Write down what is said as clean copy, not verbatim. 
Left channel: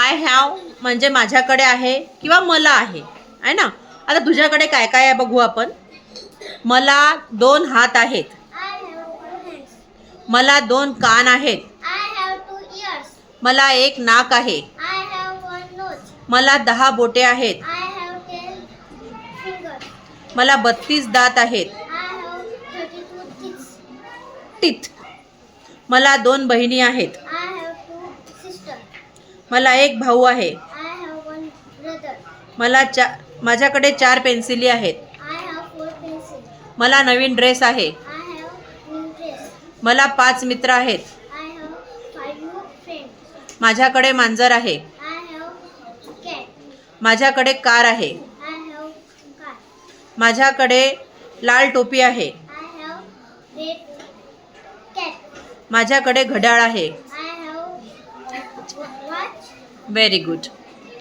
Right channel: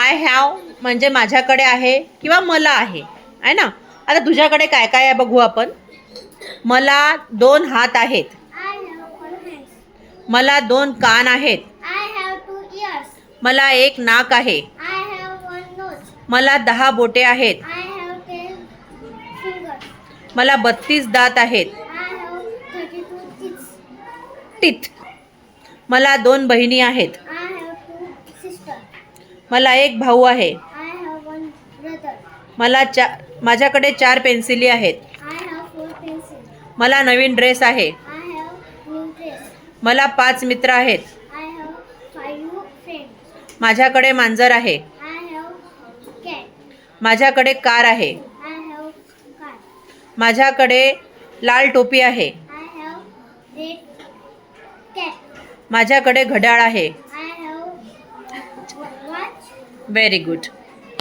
I have म्हणजे माझ्याकडे आहे किंवा मला आहे ना. आता तुझ्याकडे काय काय आहे बघू आपण. मला 2 हात आहेत. I have 2 hands. मला 2 कान आहेत. I have 2 ears. मला 1 नाक आहे. I have 1 nose. मला 10 बोटे आहेत. I have 10 fingers. मला 32 दात आहेत. I have 32 teeth. टीथ. मला 2 बहिणी आहेत. I have 2 sisters. मला 1 भाऊ आहे. I have 1 brother. माझ्याकडे 4 पेन्सिली आहेत. I have 4 pencils. मला नवीन ड्रेस आहे. I have new dress. मला 5 मित्र आहेत. I have 5 friends. माझ्याकडे मांजर आहे. I have cat. माझ्याकडे कार आहे. I have car. माझ्याकडे लाल टोपी आहे. I have red cat. माझ्याकडे घड्याळ आहे. I have watch. Very good.